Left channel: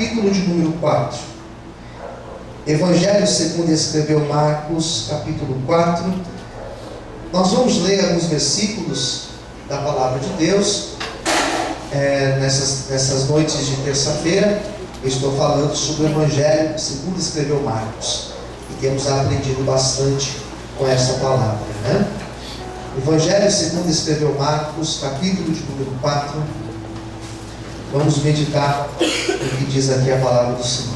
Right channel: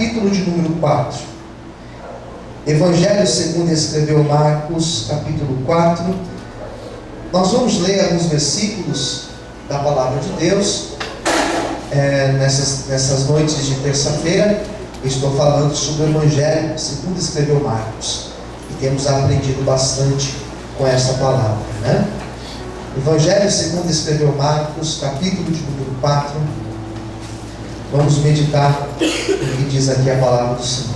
capítulo de número 4. Evangelho segundo escreveu Marcos, capítulo 4. Nós vamos ler alguns versículos da palavra de Deus. Nessas noites de terça-feira, eu estou falando sobre o Evangelho segundo escreveu Marcos. E temos aprendido bastante com essa palavra, né? Evangelho segundo escreveu Marcos, capítulo de número 4. Vamos meditar no que diz aqui a palavra do Senhor.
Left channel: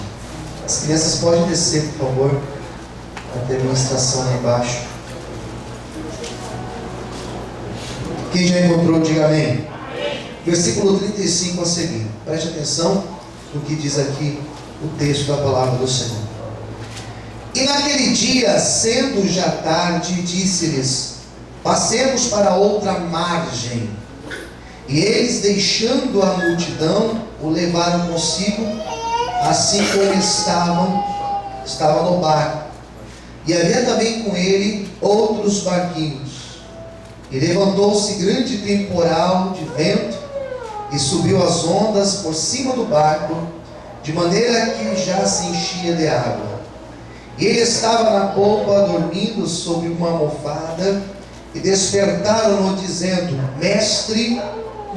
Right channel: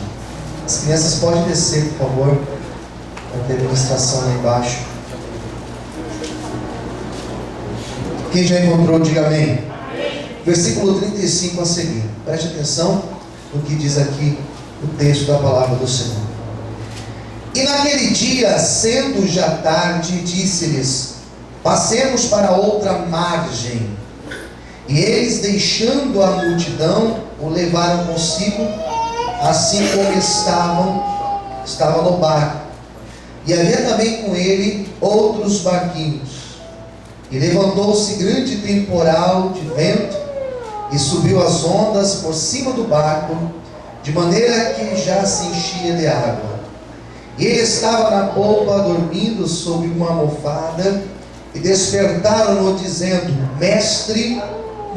As crianças podem descer, por favor, para ter ministração lá embaixo. Quem já encontrou, diga amém. Versículo 35 a seguir. Preste atenção no que diz aqui o texto da palavra do Senhor. E naquele dia, sendo já tarde, disse-lhes: passemos para outra margem. E eles, deixando a multidão, o levaram consigo, assim como estava no barco. E havia também com ele outros barquinhos. E levantou-se grande temporal de vento, e subiu as ondas por cima do barco, de maneira que já se enchia de água. E ele estava na polpa, dormindo sobre uma almofada, e despertaram-no, dizendo: Mestre,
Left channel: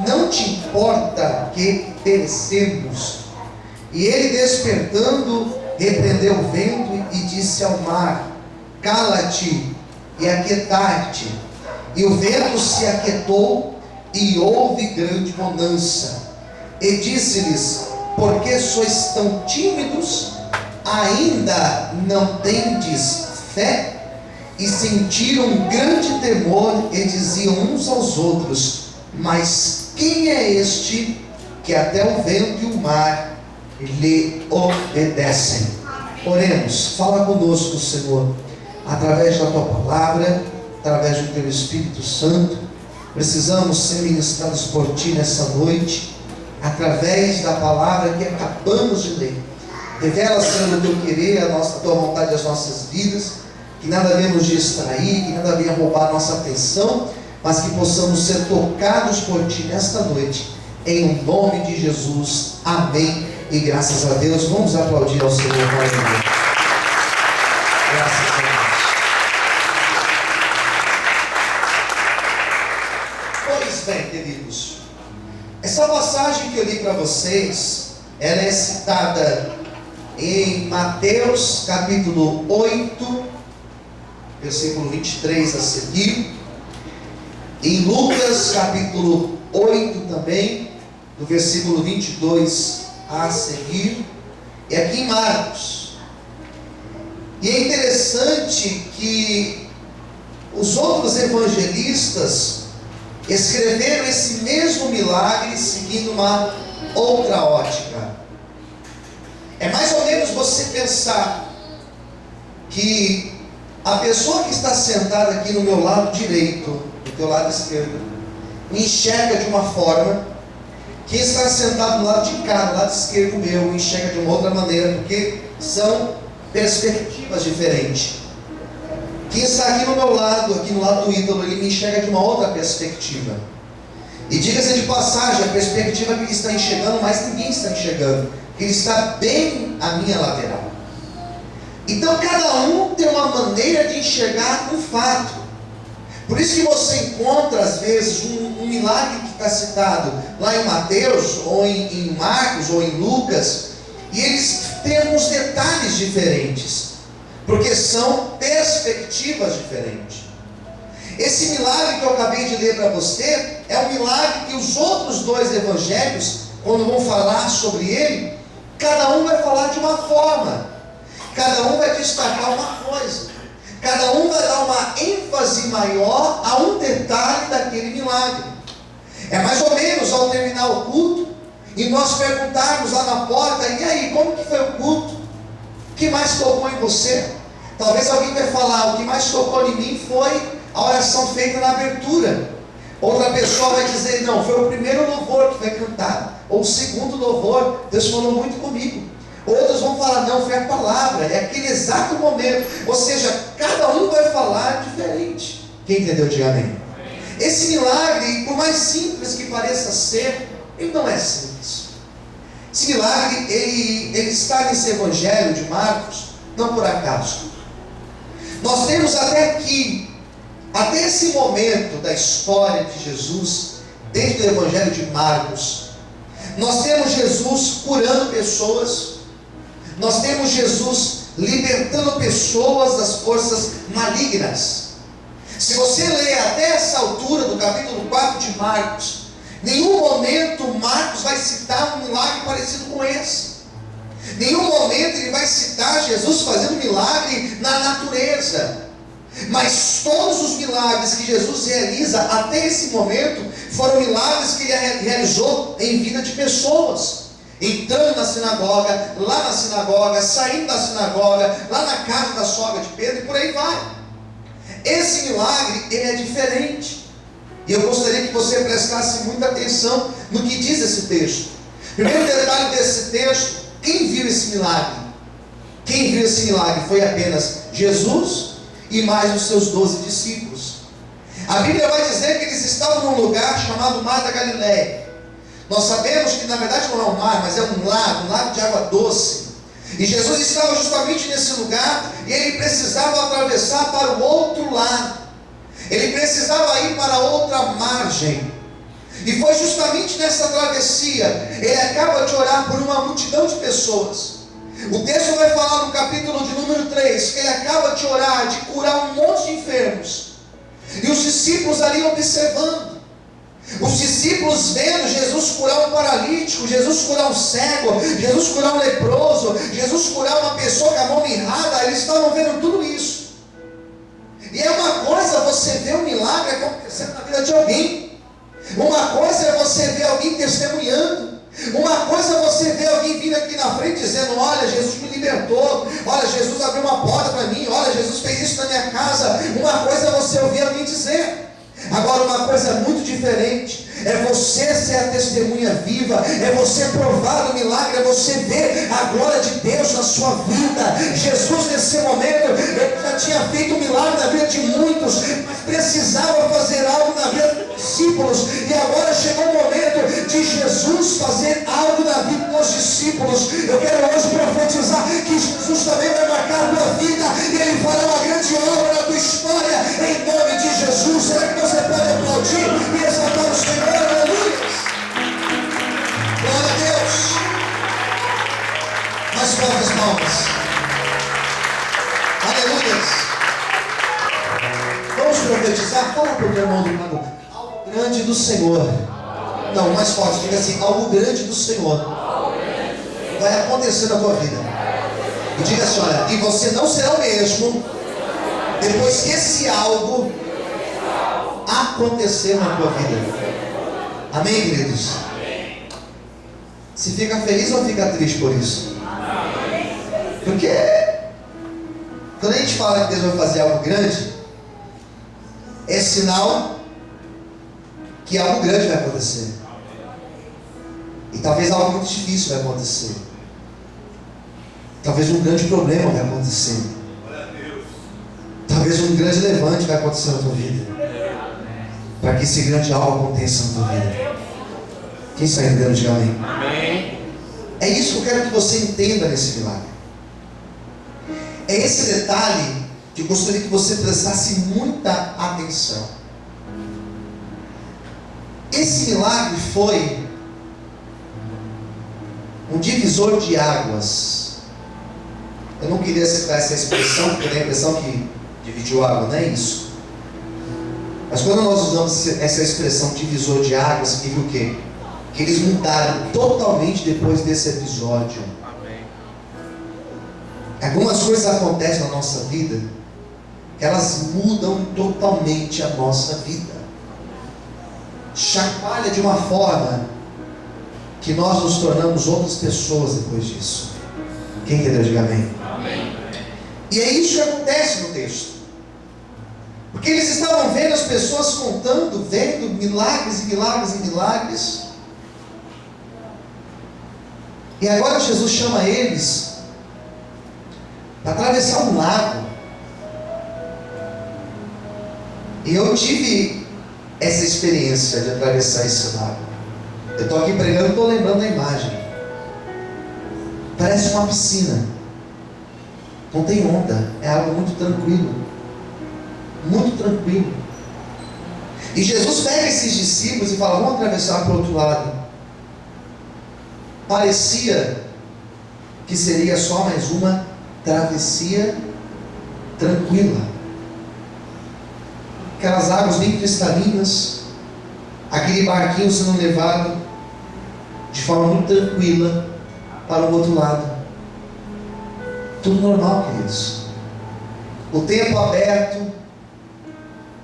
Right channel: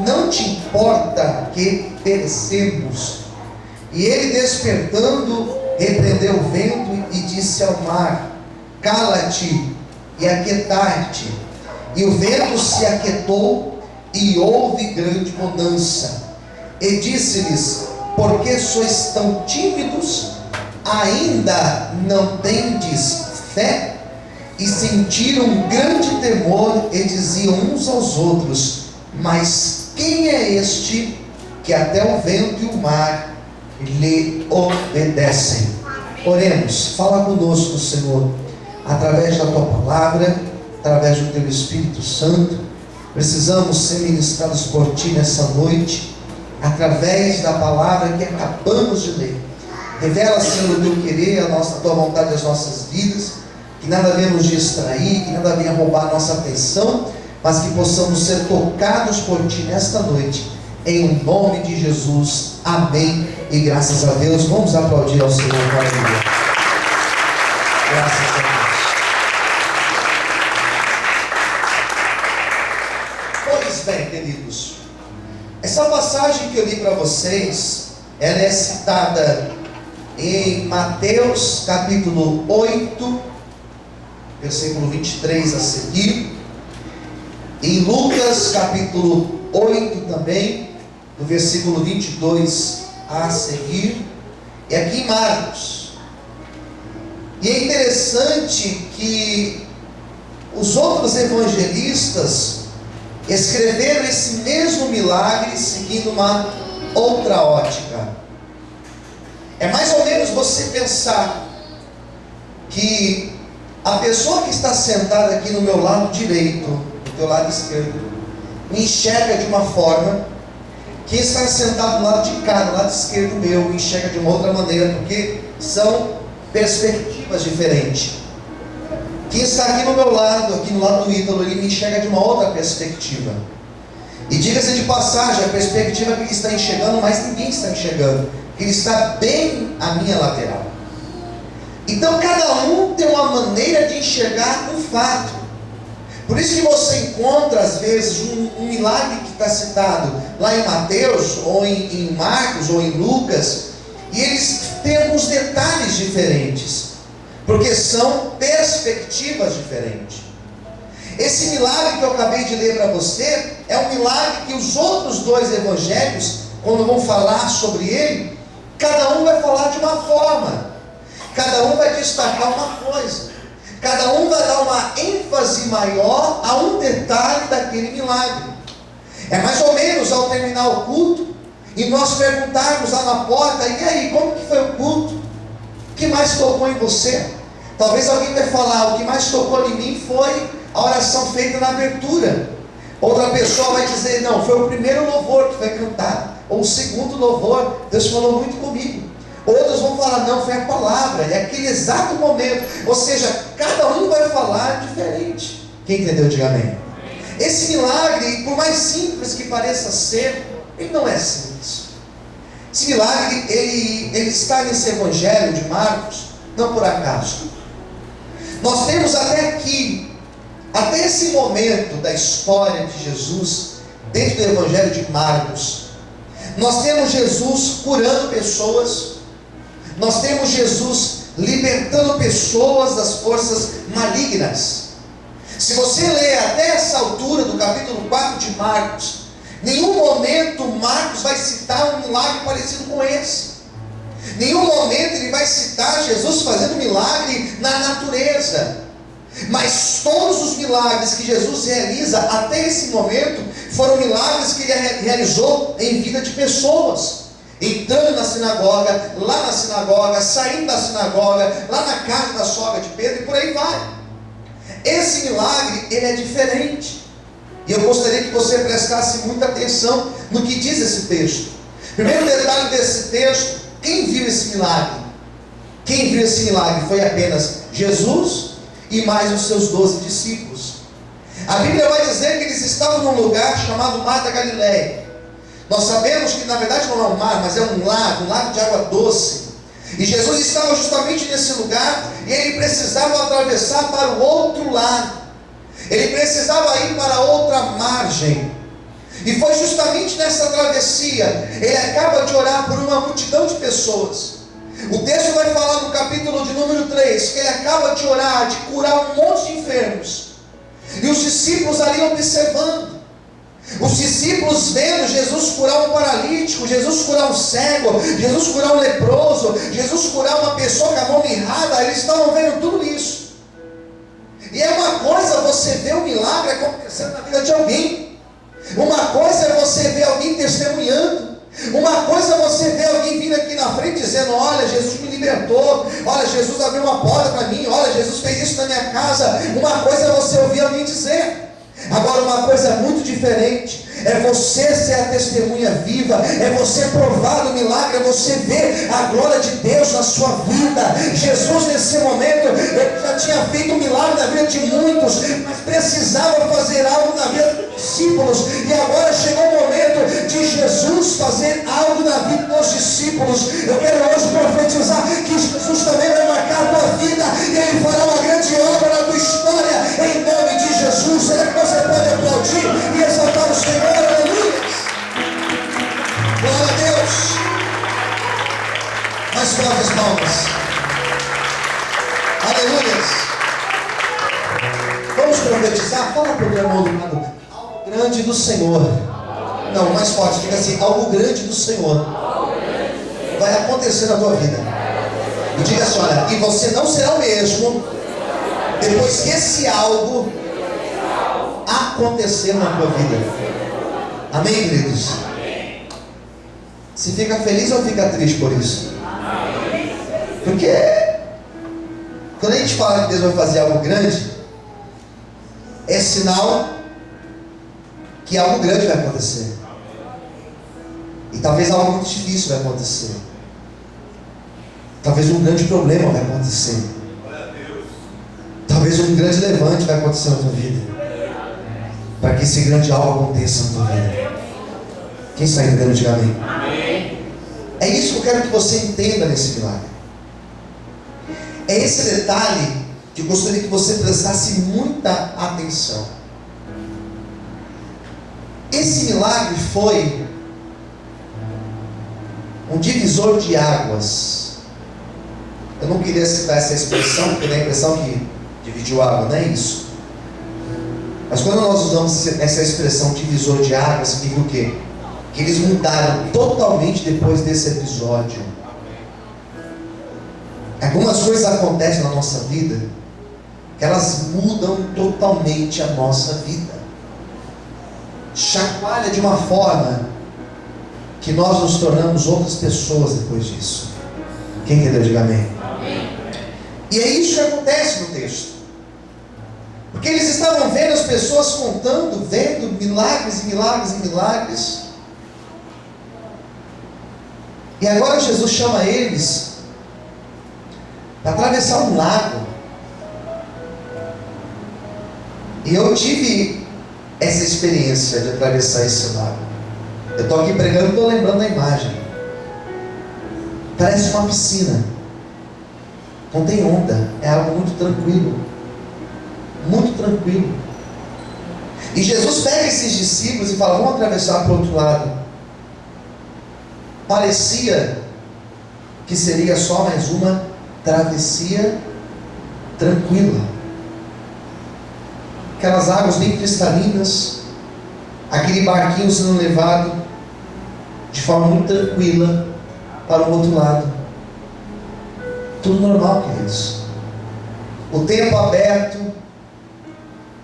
não te importa que perecemos? E ele, despertando, repreendeu o vento e disse ao mar: cala-te e aquietai-te. E o vento se aquietou, e houve grande bonança. E disse-lhes: por que sois tão tímidos? Ainda não tendes fé? E sentiram um grande temor, e diziam uns aos outros: mas quem é este que até o vento e o mar lhe obedecem? Oremos. Fala conosco, Senhor, através da Tua palavra, através do Teu Espírito Santo. Precisamos ser ministrados por Ti nessa noite, através da palavra que acabamos de ler. Revela, Senhor, o Teu querer, a Tua vontade às nossas vidas, que nada venha nos distrair, que nada venha roubar a nossa atenção, mas que possamos ser tocados por Ti nesta noite, em nome de Jesus. Amém e graças a Deus. Vamos aplaudir ao Senhor. Aleluia. Graças a Deus. Pois bem, queridos, essa passagem que eu li para vocês, ela é citada em Mateus capítulo 8, versículo 23 a seguir, em Lucas capítulo 8 também, do versículo 22 a seguir, e aqui em Marcos. E é interessante que os outros evangelistas escreveram esse mesmo milagre seguindo uma outra ótica. É mais ou menos você pensar que a pessoa que está sentada aqui no meu lado direito, do teu lado esquerdo, me enxerga de uma forma, quem está sentado do lado de cá, do lado esquerdo meu, me enxerga de uma outra maneira, porque são perspectivas diferentes. Quem está aqui no meu lado, aqui no lado do Ítalo, ele me enxerga de uma outra perspectiva. E diga-se de passagem, a perspectiva que ele está enxergando, mas ninguém está enxergando, ele está bem à minha lateral. Então cada um tem uma maneira de enxergar um fato. Por isso que você encontra às vezes um milagre que está citado lá em Mateus, ou em Marcos, ou em Lucas, e eles têm alguns detalhes diferentes, porque são perspectivas diferentes. Esse milagre que eu acabei de ler para você é um milagre que os outros dois evangelhos, quando vão falar sobre ele, cada um vai falar de uma forma, cada um vai destacar uma coisa, cada um vai dar uma ênfase maior a um detalhe daquele milagre. É mais ou menos ao terminar o culto e nós perguntarmos lá na porta: e aí, como que foi o culto? O que mais tocou em você? Talvez alguém vai falar: o que mais tocou em mim foi a oração feita na abertura. Outra pessoa vai dizer: não, foi o primeiro louvor que foi cantado, ou o segundo louvor, Deus falou muito comigo. Outros vão falar: não, foi a palavra, é aquele exato momento. Ou seja, cada um vai falar diferente. Quem entendeu, diga amém. Esse milagre, por mais simples que pareça ser, ele não é simples. Esse milagre, ele ele está nesse evangelho de Marcos, não por acaso. Nós temos até aqui, até esse momento da história de Jesus, dentro do evangelho de Marcos, nós temos Jesus curando pessoas, nós temos Jesus libertando pessoas das forças malignas. Se você ler até essa altura do capítulo 4 de Marcos, nenhum momento Marcos vai citar um milagre parecido com esse. Nenhum momento ele vai citar Jesus fazendo milagre na natureza. Mas todos os milagres que Jesus realiza até esse momento foram milagres que ele realizou em vida de pessoas. Entrando na sinagoga, lá na sinagoga, saindo da sinagoga, lá na casa da sogra de Pedro, e por aí vai. Esse milagre, ele é diferente. E eu gostaria que você prestasse muita atenção no que diz esse texto. Primeiro detalhe desse texto: quem viu esse milagre? Quem viu esse milagre foi apenas Jesus e mais os seus 12 discípulos. A Bíblia vai dizer que eles estavam num lugar chamado Mar da Galileia. Nós sabemos que na verdade não é um mar, mas é um lago de água doce. E Jesus estava justamente nesse lugar, e ele precisava atravessar para o outro lado. Ele precisava ir para outra margem. E foi justamente nessa travessia, ele acaba de orar por uma multidão de pessoas. O texto vai falar no capítulo de número 3, que ele acaba de orar, de curar um monte de enfermos. E os discípulos ali observando. Os discípulos vendo Jesus curar um paralítico, Jesus curar um cego, Jesus curar um leproso, Jesus curar uma pessoa com a mão mirrada. Eles estavam vendo tudo isso. E é uma coisa você ver um milagre acontecendo na vida de alguém. Uma coisa é você ver alguém testemunhando. Uma coisa é você ver alguém vindo aqui na frente dizendo: olha, Jesus me libertou, olha, Jesus abriu uma porta para mim, olha, Jesus fez isso na minha casa. Uma coisa é você ouvir alguém dizer. Agora, uma coisa muito diferente é você ser a testemunha viva, é você provar o milagre, é você ver a glória de Deus na sua vida. Jesus, nesse momento, ele já tinha feito um milagre na vida de muitos, mas precisava fazer algo na vida dos discípulos. E agora chegou o momento de Jesus fazer algo na vida dos discípulos. Eu quero hoje profetizar que Jesus também vai marcar a tua vida, e ele fará uma grande obra na tua história, em nome de Jesus. Será que você pode aplaudir e exaltar o Senhor? Aleluia! Glória a Deus! Mais fortes palmas. Aleluia! Vamos profetizar? Fala para o meu irmão do lado: algo grande do Senhor. Não, mais forte, diga assim: algo grande do Senhor vai acontecer na tua vida. E diga assim: olha, e você não será o mesmo depois que esse algo acontecer na tua vida. Amém, queridos? Se fica feliz ou fica triste por isso? Porque quando a gente fala que Deus vai fazer algo grande, é sinal que algo grande vai acontecer. E talvez algo muito difícil vai acontecer. Talvez um grande problema vai acontecer. Talvez um grande levante vai acontecer na tua vida, para que esse grande algo aconteça na tua vida. Quem está entendendo, diga amém. É isso que eu quero que você entenda nesse milagre. É esse detalhe que eu gostaria que você prestasse muita atenção. Esse milagre foi um divisor de águas. Eu não queria citar essa expressão, porque dá a impressão que dividiu água, não é isso. Mas quando nós usamos essa expressão divisor de águas, significa o quê? Que eles mudaram totalmente depois desse episódio. Algumas coisas acontecem na nossa vida que elas mudam totalmente a nossa vida. Chacoalha de uma forma que nós nos tornamos outras pessoas depois disso. Quem entendeu, diga amém. E é isso que acontece no texto. Porque eles estavam vendo as pessoas contando, vendo milagres e milagres e milagres. E agora Jesus chama eles para atravessar um lago. E eu tive essa experiência de atravessar esse lago. Eu estou aqui pregando e estou lembrando da imagem. Parece uma piscina. Não tem onda. É algo muito tranquilo. Muito tranquilo. E Jesus pega esses discípulos e fala: vamos atravessar para o outro lado. Parecia que seria só mais uma travessia tranquila. Aquelas águas bem cristalinas, aquele barquinho sendo levado de forma muito tranquila para o outro lado. Tudo normal, queridos. O tempo aberto,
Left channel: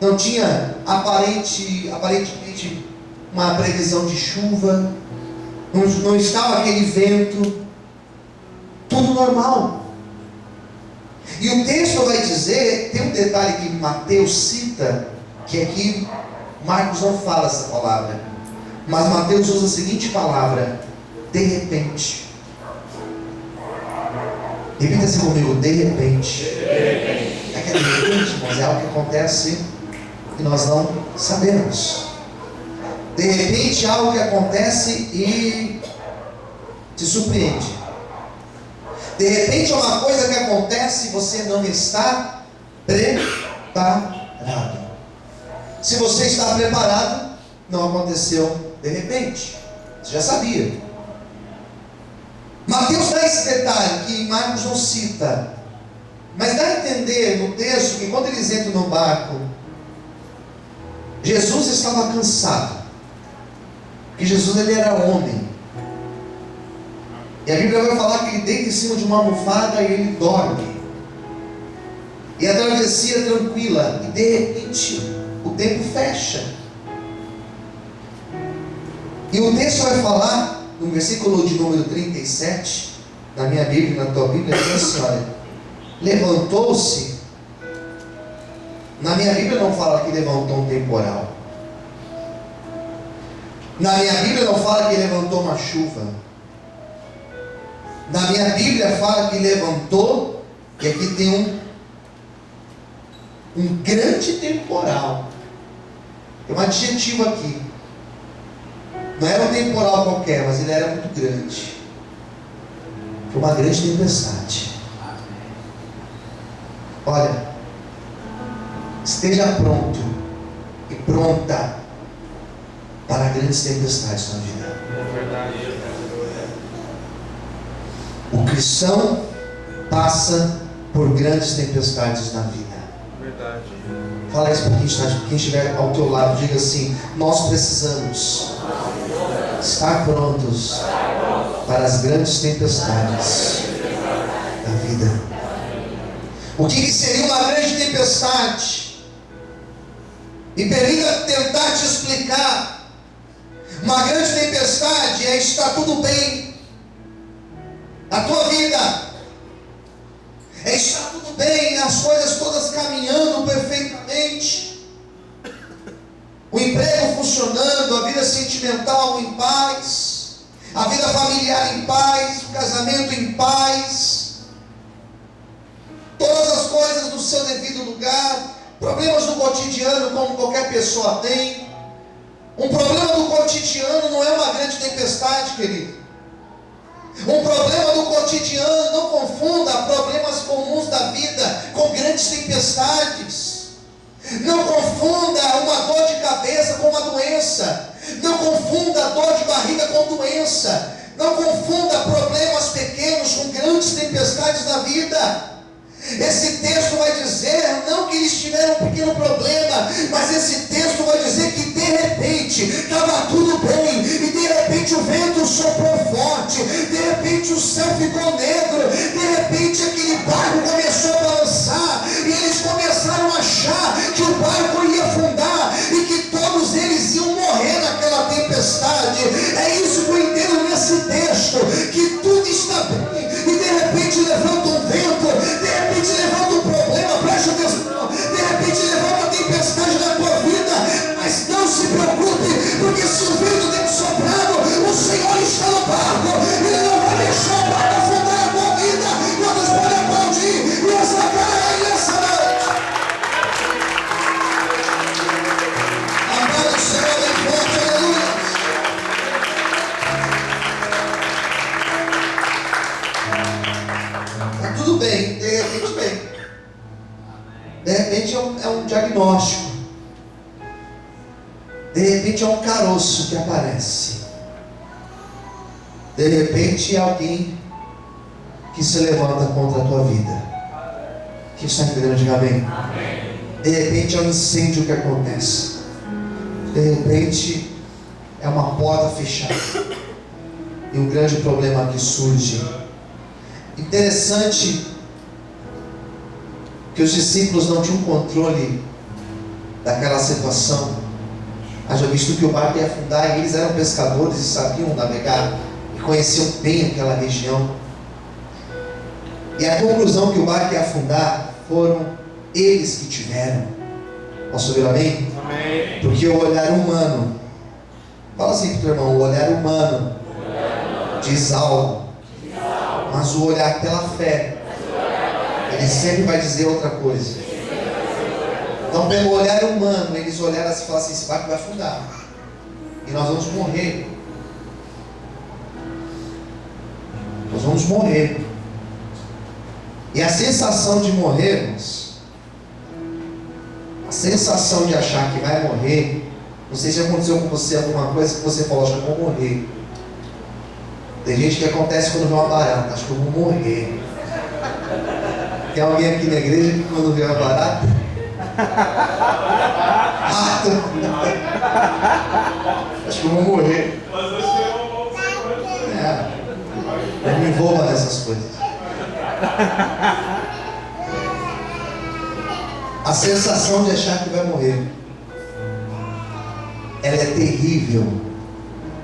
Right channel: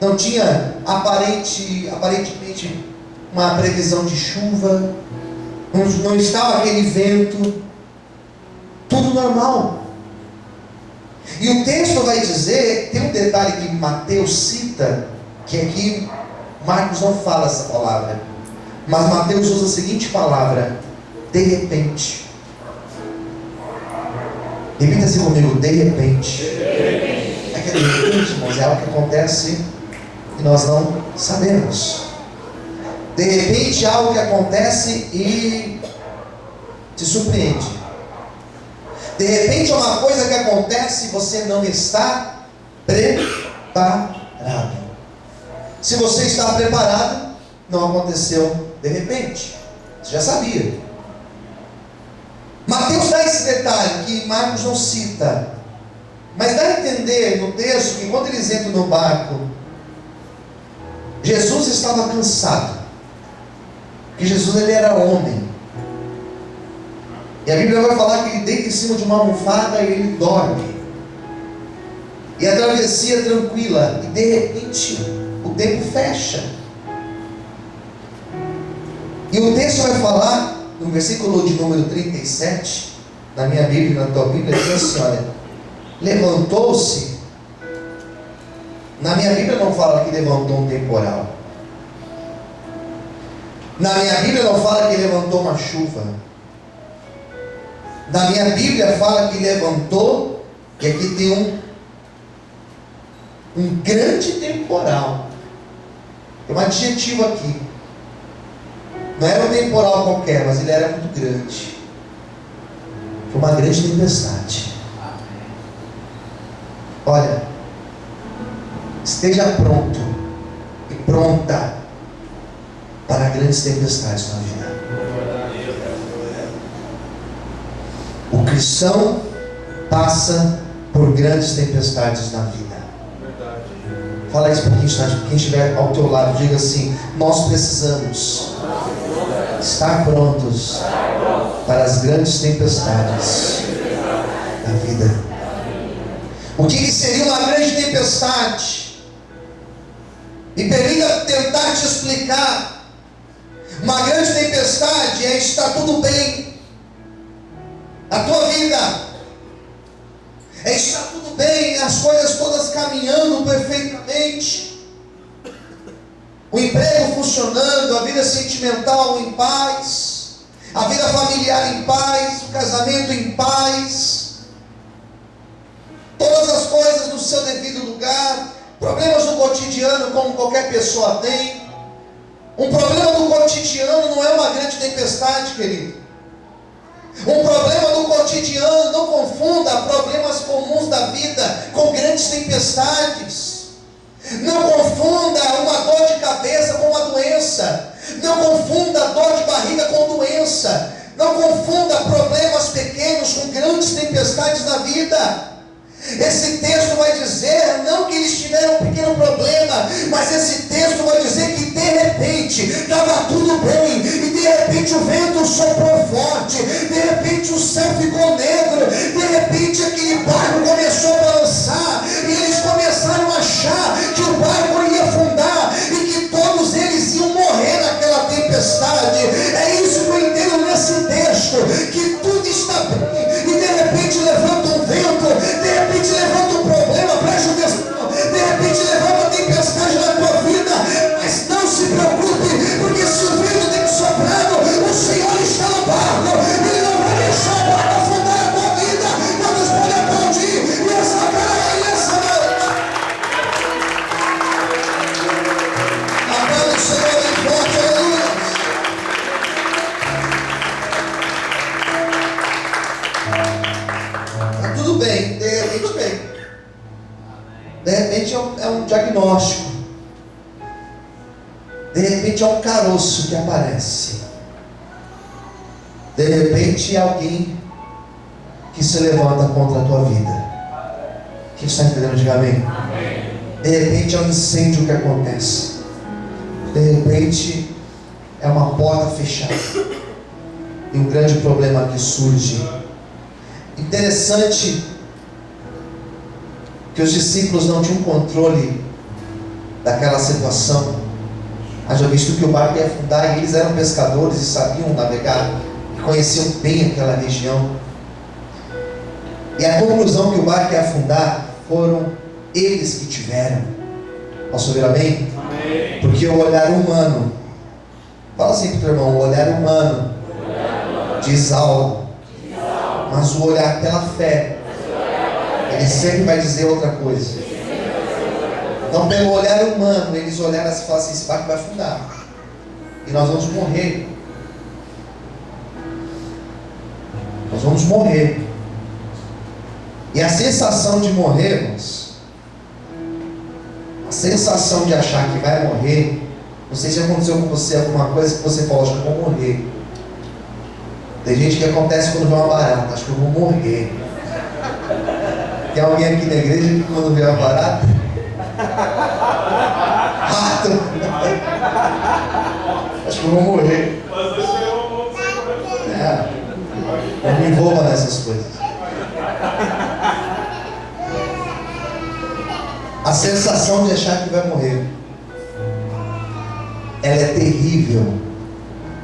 não tinha aparentemente uma previsão de chuva, não estava aquele vento, tudo normal. E o texto vai dizer, tem um detalhe que Mateus cita, que aqui Marcos não fala essa palavra, mas Mateus usa a seguinte palavra: de repente. Repita assim comigo: de repente. É que de repente, irmãos, é algo que acontece e nós não sabemos. De repente, algo que acontece e te surpreende. De repente, é uma coisa que acontece e você não está preparado. Se você está preparado, não aconteceu de repente. Você já sabia. Mateus dá esse detalhe que Marcos não cita, mas dá a entender no texto que quando eles entram no barco, Jesus estava cansado, porque Jesus, ele era homem, e a Bíblia vai falar que ele deita em cima de uma almofada e ele dorme, e a travessia tranquila, e de repente o tempo fecha, e o texto vai falar no versículo de número 37, na minha Bíblia e na tua Bíblia, diz assim: olha, levantou-se. Na minha Bíblia não fala que levantou um temporal. Na minha Bíblia não fala que levantou uma chuva. Na minha Bíblia fala que levantou, e aqui tem um grande temporal. Tem um adjetivo aqui. Não era um temporal qualquer, mas ele era muito grande. Foi uma grande tempestade. Olha, esteja pronto e pronta para grandes tempestades na vida. O cristão passa por grandes tempestades na vida. Fala isso para quem estiver ao teu lado. Diga assim: nós precisamos estar prontos para as grandes tempestades da vida. O que seria uma grande tempestade? Me permita tentar te explicar. Uma grande tempestade é estar tudo bem na tua vida, é estar tudo bem, as coisas todas caminhando perfeitamente, o emprego funcionando, a vida sentimental em paz, a vida familiar em paz, o casamento em paz, todas as coisas no seu devido lugar. Problemas no cotidiano, como qualquer pessoa tem. Um problema do cotidiano não é uma grande tempestade, querido. Um problema do cotidiano, não confunda problemas comuns da vida com grandes tempestades. Não confunda uma dor de cabeça com uma doença. Não confunda dor de barriga com doença. Não confunda problemas pequenos com grandes tempestades na vida. Esse texto vai dizer, não que eles tiveram um pequeno problema, mas esse texto vai dizer que de repente estava tudo bem, e de repente o vento soprou forte, de repente o céu ficou negro, de repente aquele barco começou a balançar, e eles começaram a achar que o barco ia afundar, e que todos eles iam morrer naquela tempestade. É isso que eu entendo nesse texto, que tudo está bem, e de repente levanta um vento, de repente levanta um problema, preste atenção, de repente levanta uma tempestade na tua vida, mas não se preocupe, porque se o vento tem soprado, o Senhor está no barco, Ele não vai deixar o barco afundar a tua Está tudo bem, de repente bem. De repente é um diagnóstico. De repente é um caroço que aparece. De repente é alguém que se levanta contra a tua vida. Quem está entendendo? Diga amém. De repente é um incêndio que acontece. De repente é uma porta fechada. E um grande problema que surge. Interessante que os discípulos não tinham controle daquela situação. Haja visto que o barco ia afundar e eles eram pescadores e sabiam navegar e conheciam bem aquela região. E a conclusão que o barco ia afundar foram eles que tiveram. Posso ouvir amém? Amém. Porque o olhar humano, fala assim para o teu irmão, o olhar humano diz algo, mas o olhar pela fé, ele sempre vai dizer outra coisa. Então, pelo olhar humano, eles olharam assim e falaram assim: esse barco vai afundar e nós vamos morrer. Nós vamos morrer. E a sensação de morrermos, a sensação de achar que vai morrer, não sei se aconteceu com você alguma coisa que você falou: acho que eu vou morrer. Tem gente que acontece quando vê uma barata: acho que eu vou morrer. Tem alguém aqui na igreja que quando vê uma barata, rato, acho que eu vou morrer. Não me envolva nessas coisas. A sensação de achar que vai morrer, ela é terrível.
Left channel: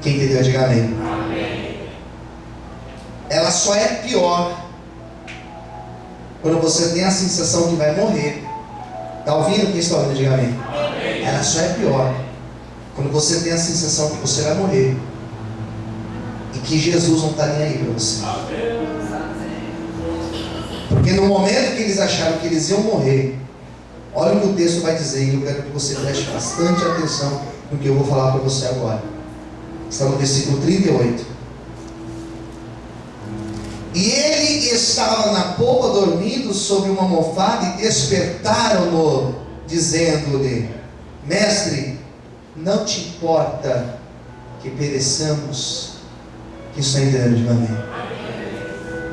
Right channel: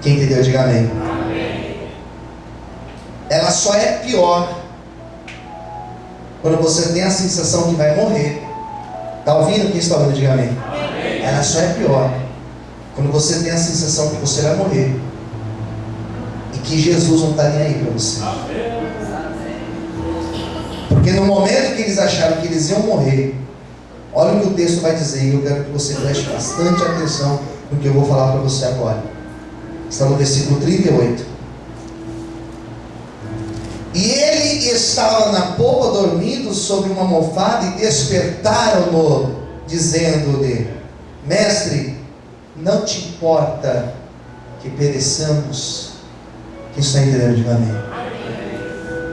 Quem entendeu, diga amém. Ela só é pior quando você tem a sensação que vai morrer. Está ouvindo? Quem está ouvindo, diga amém. Ela só é pior quando você tem a sensação que você vai morrer e que Jesus não está nem aí para você. Porque no momento que eles acharam que eles iam morrer, olha o que o texto vai dizer, e eu quero que você preste bastante atenção no que eu vou falar para você agora. Está no versículo 38. E ele estava na popa dormindo sobre uma almofada, e despertaram-no, dizendo-lhe: Mestre, não te importa que pereçamos? Que está entendendo, diga amém.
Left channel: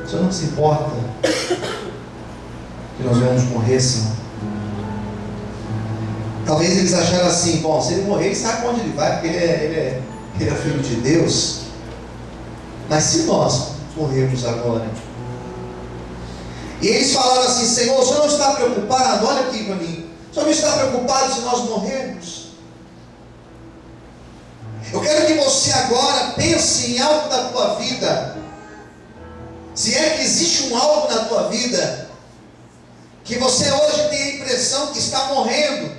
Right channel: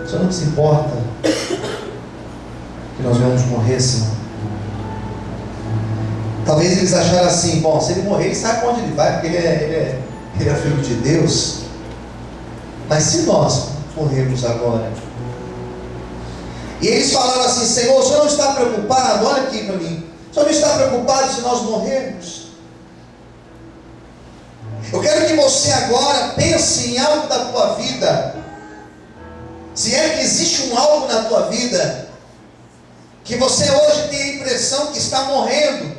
O Senhor não se importa que nós vamos morrer, Senhor? Talvez eles acharam assim: bom, se ele morrer, ele sabe para onde ele vai, porque ele é filho de Deus. Mas se nós morrermos agora? E eles falaram assim: Senhor, o Senhor não está preocupado? Olha aqui para mim. O Senhor não está preocupado se nós morrermos? Eu quero que você agora pense em algo da tua vida. Se é que existe um algo na tua vida que você hoje tem a impressão que está morrendo.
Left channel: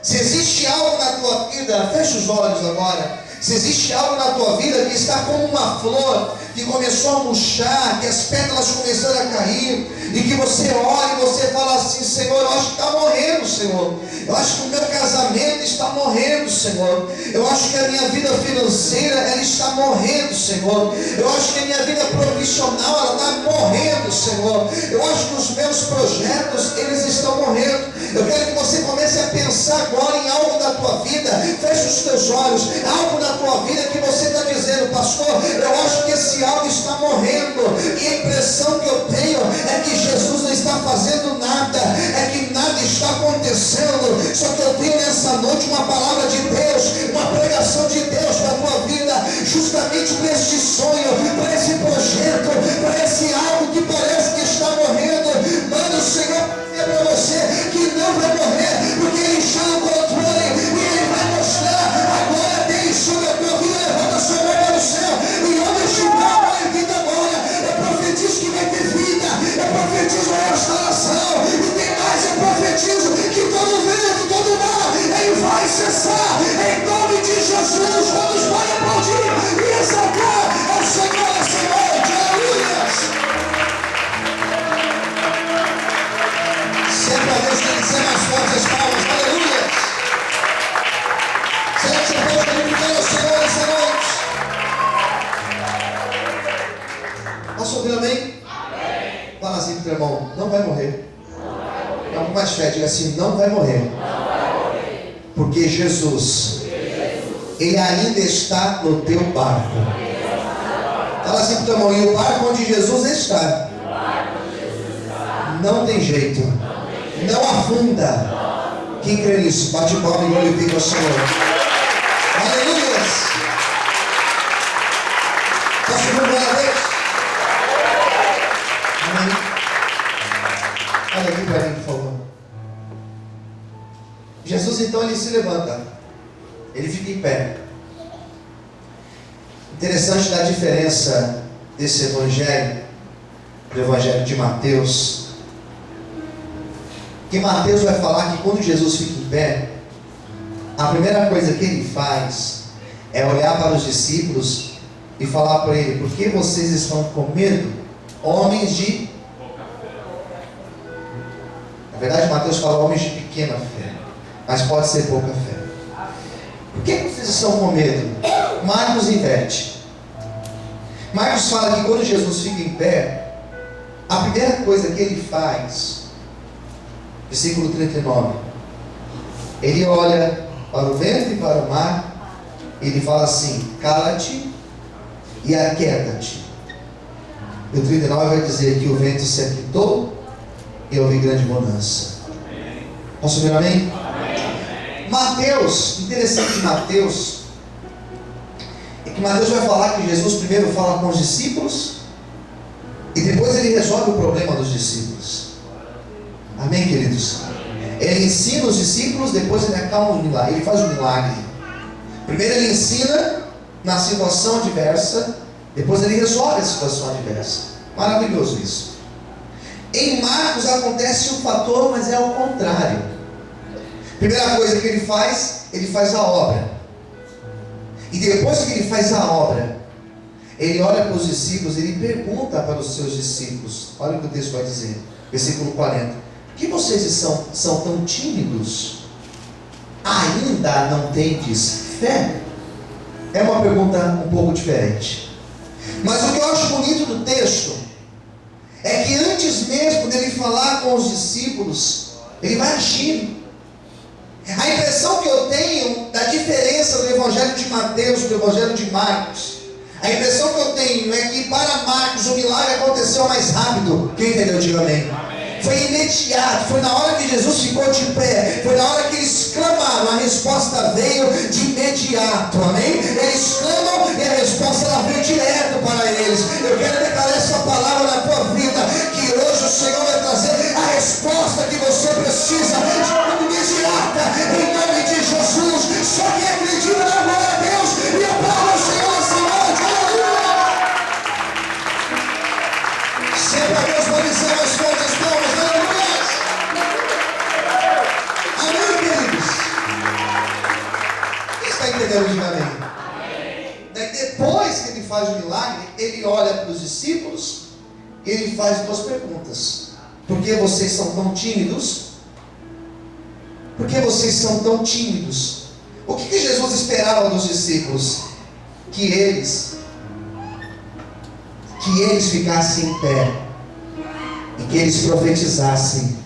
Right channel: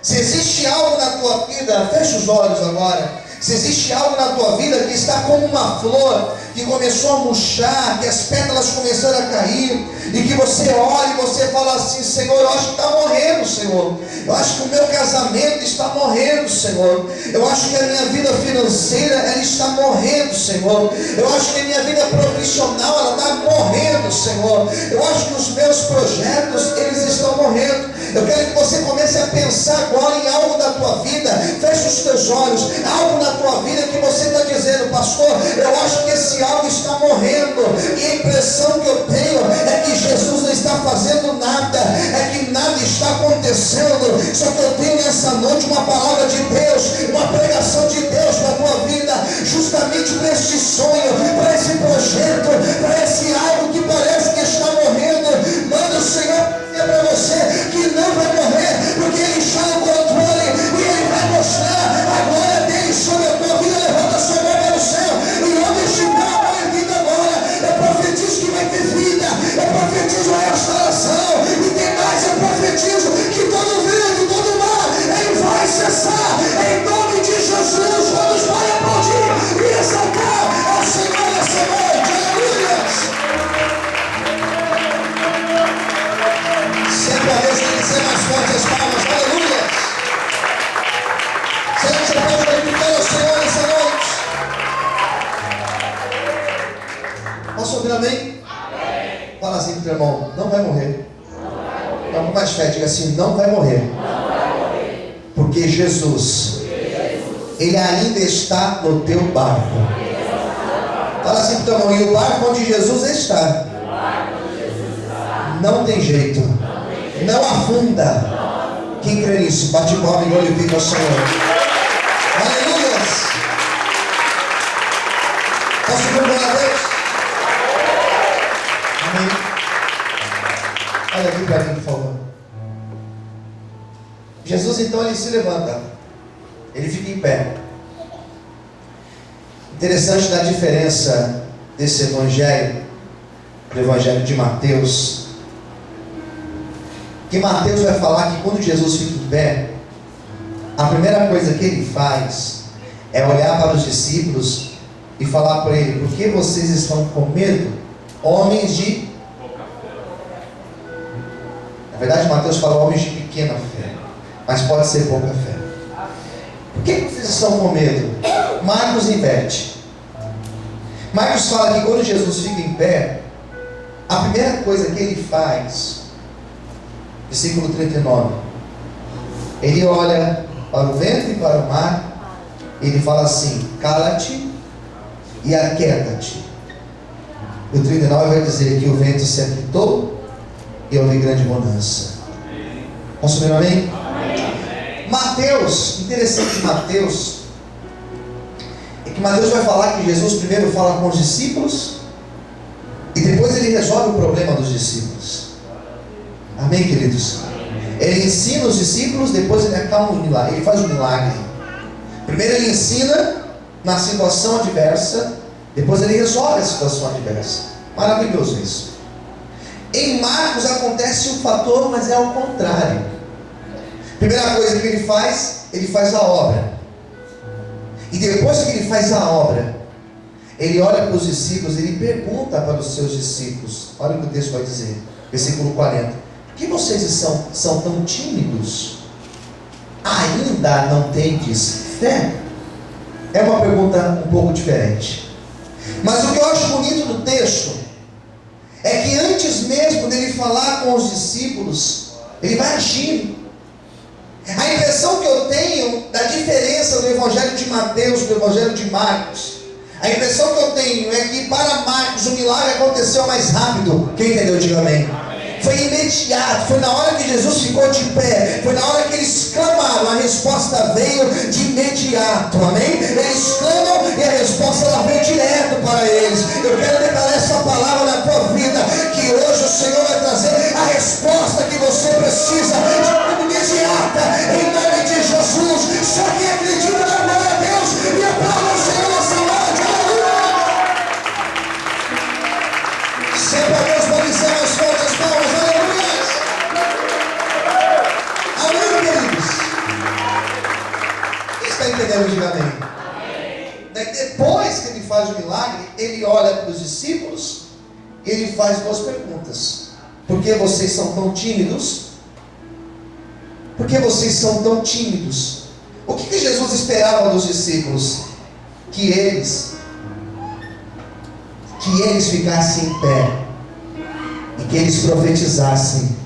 Se existe algo na tua vida, fecha os olhos agora. Se existe algo na tua vida que está como uma flor que começou a murchar, que as pétalas começaram a cair, e que você olha e você fala assim: Senhor, eu acho que está morrendo, Senhor. Eu acho que o meu casamento está morrendo, Senhor. Eu acho que a minha vida financeira, ela está morrendo, Senhor. Eu acho que a minha vida profissional, ela está morrendo, Senhor. Eu acho que os meus projetos, eles estão morrendo. Eu quero que você comece a pensar agora em algo da tua vida. Feche os teus olhos. Algo na tua vida que você está dizendo: pastor, eu acho que esse algo está morrendo, e a impressão que eu tenho é que Jesus não está fazendo nada, é que nada está acontecendo. Só que eu tenho nessa noite uma palavra de Deus, uma pregação de Deus para a tua vida, justamente para este sonho, para esse projeto, para esse algo que parece que está morrendo. Manda o Senhor dizer para você que não vai morrer, porque Ele está no controle, e Ele vai mostrar a glória dele sobre a tua vida. Levanta a sua mão para o céu e anda xingar a vida agora. Eu profetizo que vai ter vida, eu profetizo a restauração, e tem mais, eu profetizo que todo vento, todo mal, ele vai cessar, em nome de Jesus. Todos podem aplaudir e exaltar ao Senhor. Posso ouvir amém? Fala assim pro teu irmão, não vai morrer. Não, com mais fé, diga assim, não vai morrer. Porque Jesus, Ele ainda está no teu barco. Fala assim pro teu irmão, e o barco onde Jesus está, não tem jeito, não afunda. Quem crê nisso, bate palma e glorifica o Senhor. Aleluia. Posso vir uma vez? Amém. Olha aqui para mim, por favor. Jesus então ele se levanta, ele fica em pé. Interessante da diferença desse evangelho, do evangelho de Mateus, que Mateus vai falar que quando Jesus fica em pé, a primeira coisa que ele faz é olhar para os discípulos e falar para ele: por que vocês estão com medo, homens de... Na verdade Mateus fala homens de pequena fé, mas pode ser pouca fé. Por que vocês estão com medo? Marcos inverte. Marcos fala que quando Jesus fica em pé, a primeira coisa que ele faz, versículo 39, ele olha para o vento e para o mar, ele fala assim: cala-te e aquieta-te. E o 39 vai dizer que o vento se aquietou e houve grande bonança. Posso ver amém? Mateus, interessante de Mateus, é que Mateus vai falar que Jesus primeiro fala com os discípulos e depois ele resolve o problema dos discípulos. Amém, queridos? Ele ensina os discípulos, depois ele acalma o milagre, ele faz o milagre. Primeiro ele ensina na situação adversa, depois ele resolve a situação adversa. Maravilhoso isso. Em Marcos acontece um fator, mas é ao contrário. Primeira coisa que ele faz a obra. E depois que ele faz a obra, ele olha para os discípulos, ele pergunta para os seus discípulos. Olha o que o texto vai dizer, versículo 40. Por que vocês são tão tímidos? Ainda não tendes fé? É uma pergunta um pouco diferente. Mas o que eu acho bonito do texto é que antes mesmo dele falar com os discípulos, ele vai agir. A impressão que eu tenho da diferença do evangelho de Mateus para o evangelho de Marcos, a impressão que eu tenho é que para Marcos o milagre aconteceu mais rápido. Quem entendeu? Diga amém. Foi imediato, foi na hora que Jesus ficou de pé, foi na hora que eles clamaram, a resposta veio de imediato, amém? Eles clamam e a resposta ela veio direto para eles. Eu quero declarar essa palavra na tua vida, que hoje o Senhor vai trazer a resposta que você precisa, de forma imediata, em nome de Jesus. Só quem acredita na glória a Deus e aplauda o Senhor essa noite, aleluia! Sempre a Deus pode ser mais forte as palmas, aleluia! Amém, queridos? Quem está entendendo? Diga amém. Daí depois que ele faz o milagre, ele olha para os discípulos e ele faz duas perguntas. Por que vocês são tão tímidos? Por que vocês são tão tímidos? O que Jesus esperava dos discípulos? Que eles ficassem em pé e que eles profetizassem:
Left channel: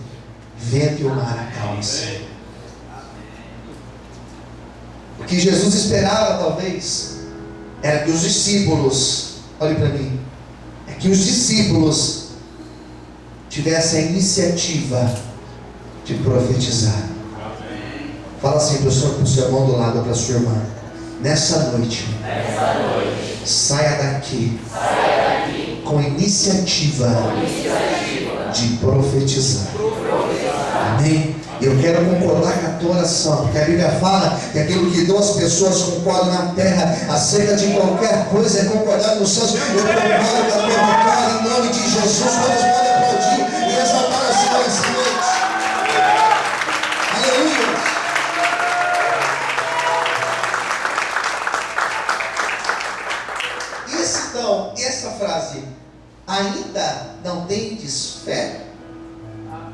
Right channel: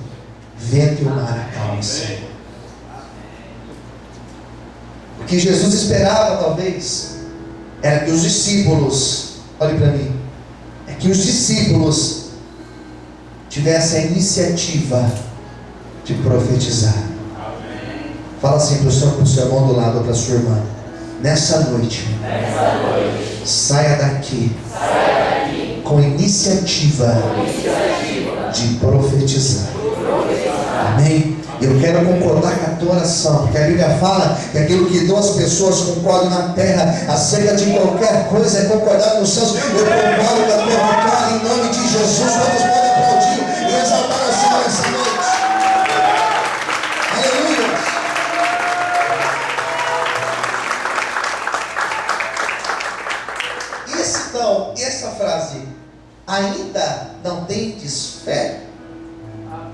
vento e o mar acalmem-se. O que Jesus esperava talvez era que os discípulos, olhe para mim, é que os discípulos tivessem a iniciativa de profetizar. Fala assim para o seu irmão do lado ou para a sua irmã: nessa noite, saia daqui com iniciativa de profetizar. Amém? Eu quero concordar com a tua oração, porque a Bíblia fala que aquilo que duas pessoas concordam na terra acerca de qualquer coisa é concordado nos céus. Eu concordo com a tua vitória em nome de Jesus. Todos podem aplaudir e exaltar o Senhor essa noite. Aleluia. Essa frase, ainda não tendes fé?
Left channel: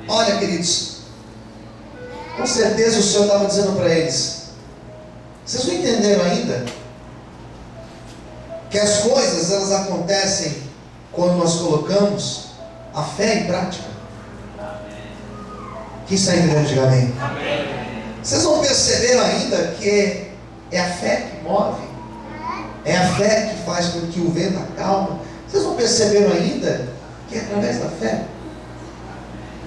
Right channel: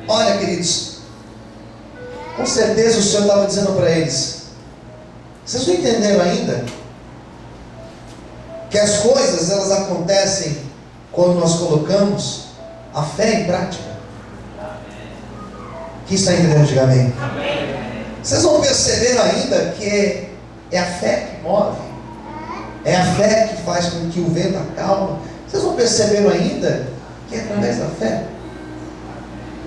Olha, queridos, com certeza o Senhor estava dizendo para eles: vocês não entenderam ainda que as coisas elas acontecem quando nós colocamos a fé em prática. Quem está entendendo, diga amém. Vocês não perceberam ainda que é a fé que move? É a fé que faz com que o vento acalme? Vocês não perceberam ainda que é através da fé?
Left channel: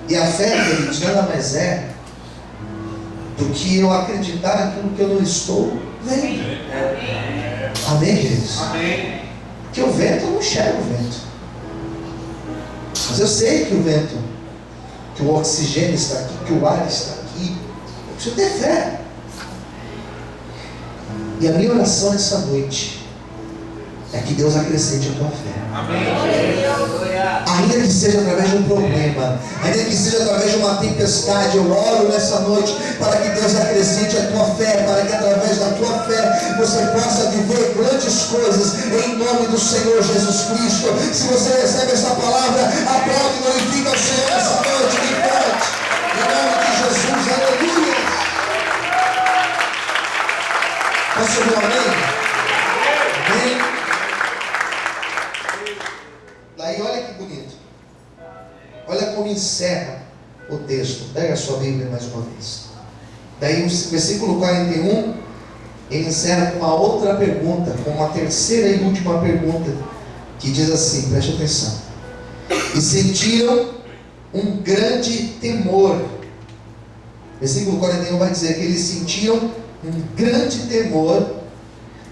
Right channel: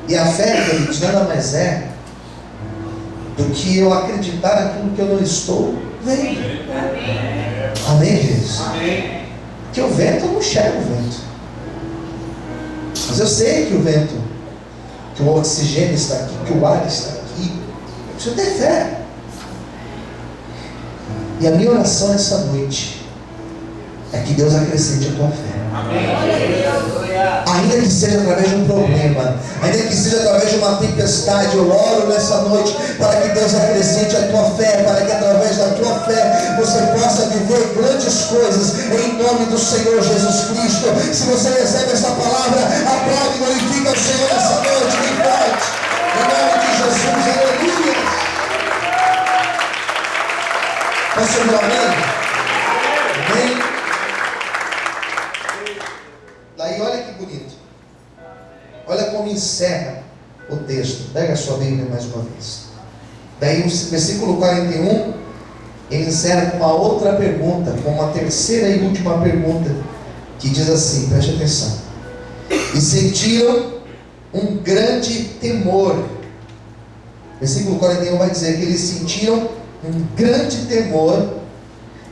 E a fé, queridos, nada mais é do que eu acreditar naquilo que eu não estou vendo. Amém, queridos? Amém. Porque o vento, eu não enxergo o vento, mas eu sei que o vento, que o oxigênio está aqui, que o ar está aqui. Eu preciso ter fé. E a minha oração nessa noite é que Deus acrescente a tua fé. Amém. Ainda que seja através de um problema, ainda que seja através de uma tempestade, eu oro nessa noite para que Deus acrescente a tua fé, para que através da tua fé você possa viver grandes coisas em nome do Senhor Jesus Cristo. Se você recebe essa palavra, aplaude e glorifica o Senhor nessa noite, que forte, em nome de Jesus, aleluia. Posso ouvir amém? Amém? Daí olha que bonito. Olha como encerra o texto. Pega a sua Bíblia mais uma vez. Daí o versículo 41, ele encerra com uma outra pergunta, com uma terceira e última pergunta, que diz assim, preste atenção. E sentiram um grande temor. Versículo 41 vai dizer que eles sentiram um grande temor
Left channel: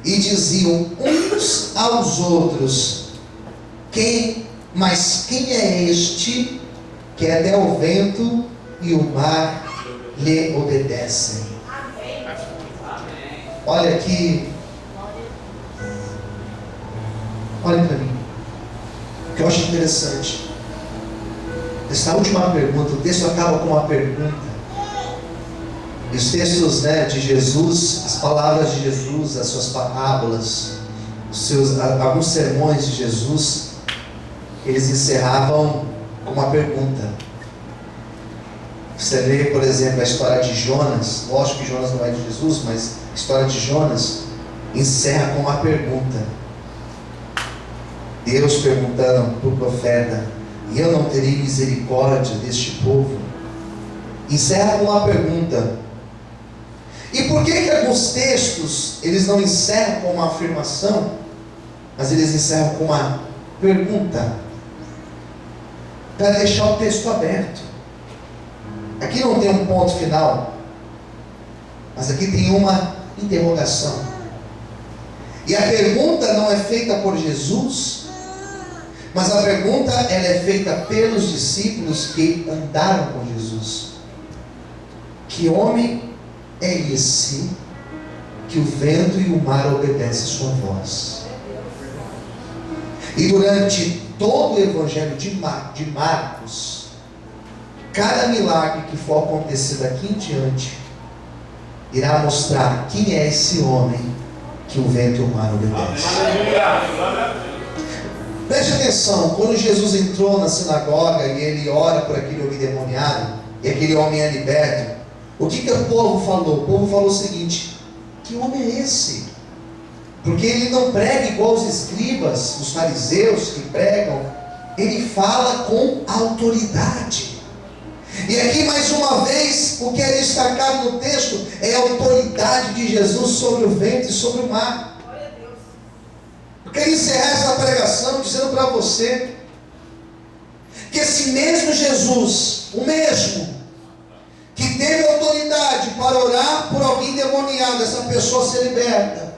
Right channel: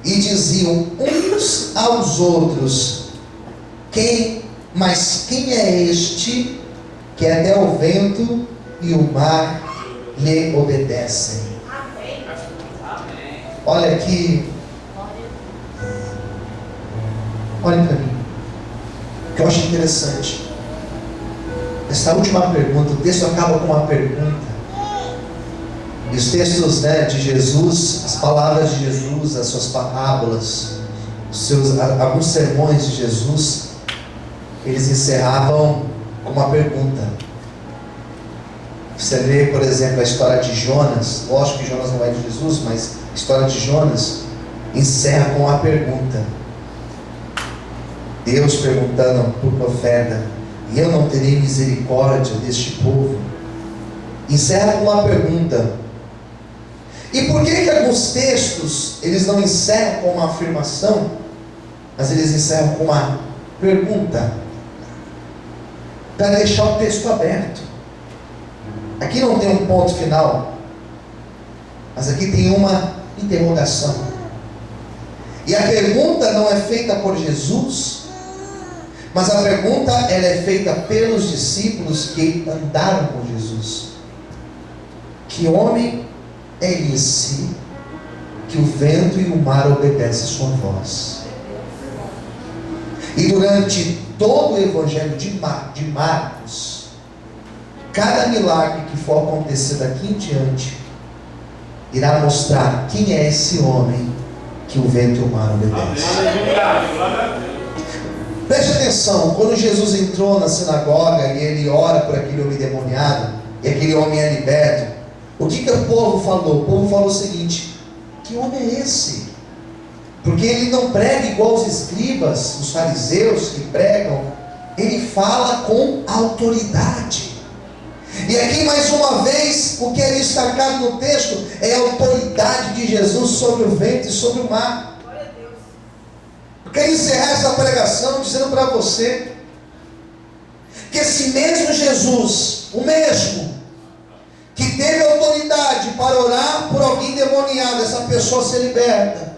e diziam uns aos outros: quem é este que até o vento e o mar lhe obedecem? Amém. Olha aqui, olhem para mim, o que eu acho interessante. Essa última pergunta, o texto acaba com uma pergunta. E os textos, de Jesus, as palavras de Jesus, as suas parábolas, alguns sermões de Jesus, eles encerravam com uma pergunta. Você lê, por exemplo, a história de Jonas. Lógico que Jonas não é de Jesus, mas a história de Jonas encerra com uma pergunta. Deus perguntando para o profeta: e eu não terei misericórdia deste povo? Encerra com uma pergunta. E por que alguns textos eles não encerram com uma afirmação, mas eles encerram com uma pergunta? Para deixar o texto aberto. Aqui não tem um ponto final, mas aqui tem uma interrogação. E a pergunta não é feita por Jesus, mas a pergunta ela é feita pelos discípulos que andaram com Jesus. Que homem é esse que o vento e o mar obedecem sua voz? E durante todo o Evangelho de Marcos, cada milagre que for acontecer daqui em diante irá mostrar quem é esse homem que o vento e o mar obedecem. Preste atenção, quando Jesus entrou na sinagoga e ele ora por aquele homem endemoniado, e aquele homem é liberto, o que o povo falou? O povo falou o seguinte: que homem é esse? Porque ele não prega igual os escribas, os fariseus que pregam. Ele fala com autoridade. E aqui mais uma vez, o que é destacado no texto é a autoridade de Jesus sobre o vento e sobre o mar. Eu quero encerrar essa pregação dizendo para você que esse mesmo Jesus, o mesmo que teve autoridade para orar por alguém demoniado, essa pessoa ser liberta,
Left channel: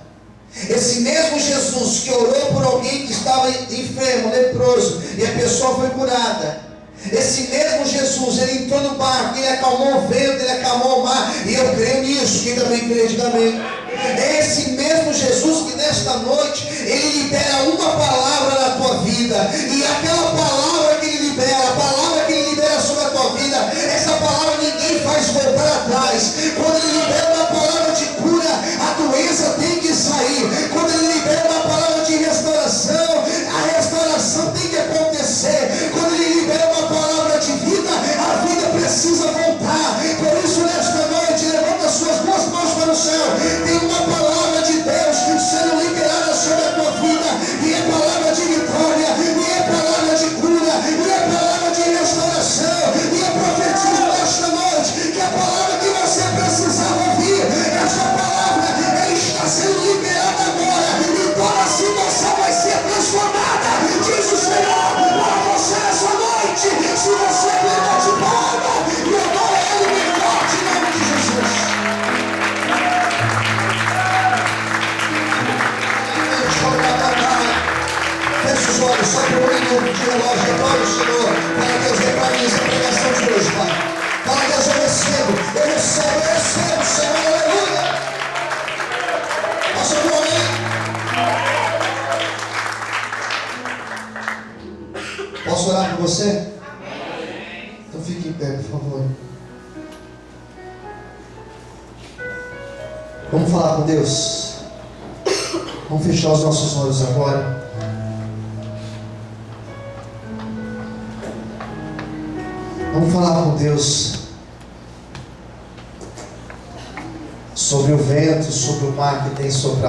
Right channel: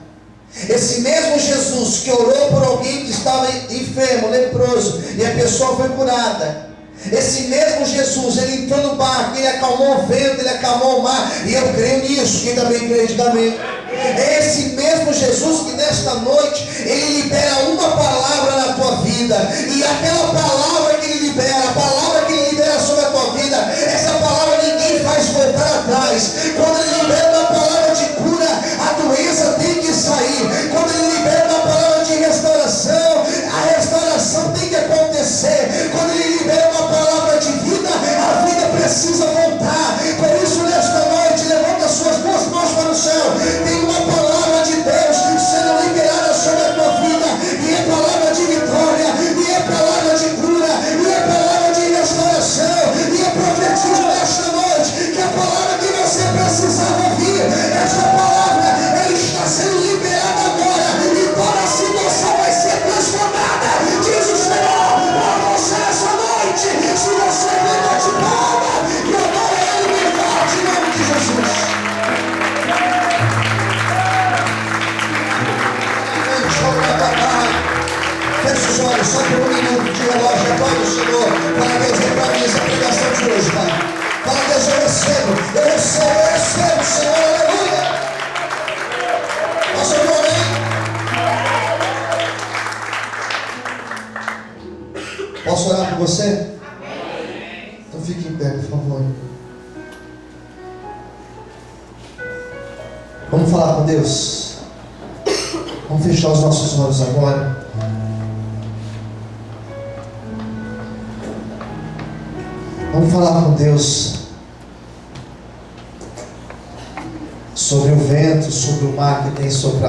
esse mesmo Jesus que orou por alguém que estava enfermo, leproso, e a pessoa foi curada, esse mesmo Jesus, ele entrou no barco, ele acalmou o vento, ele acalmou o mar, e eu creio nisso. Quem também crê, diga amém. É esse mesmo Jesus que nesta noite ele libera uma palavra na tua vida, e aquela palavra que ele libera, a palavra que ele libera sobre a tua vida, essa palavra ninguém faz voltar atrás. Quando ele libera uma palavra de cura, a doença tem que sair. Quando ele libera uma palavra de restauração, a restauração tem que acontecer. Quando ele libera uma palavra de vida, a vida precisa voltar. Por isso, nesta noite, levanta as suas duas mãos para o céu. Tem uma palavra de Deus sendo liberada sobre a tua vida, e é palavra de vitória, e é palavra de relógio, adore o Senhor. Fala, Deus, vem para mim essa pregação de hoje, Pai. Fala, Deus, eu recebo, Senhor, aleluia. Posso ouvir, amém? Posso orar por você? Então fique em pé, por favor. Vamos falar com Deus. Vamos fechar os nossos olhos agora. Vamos falar com Deus sobre o vento, sobre o mar que tem soprado.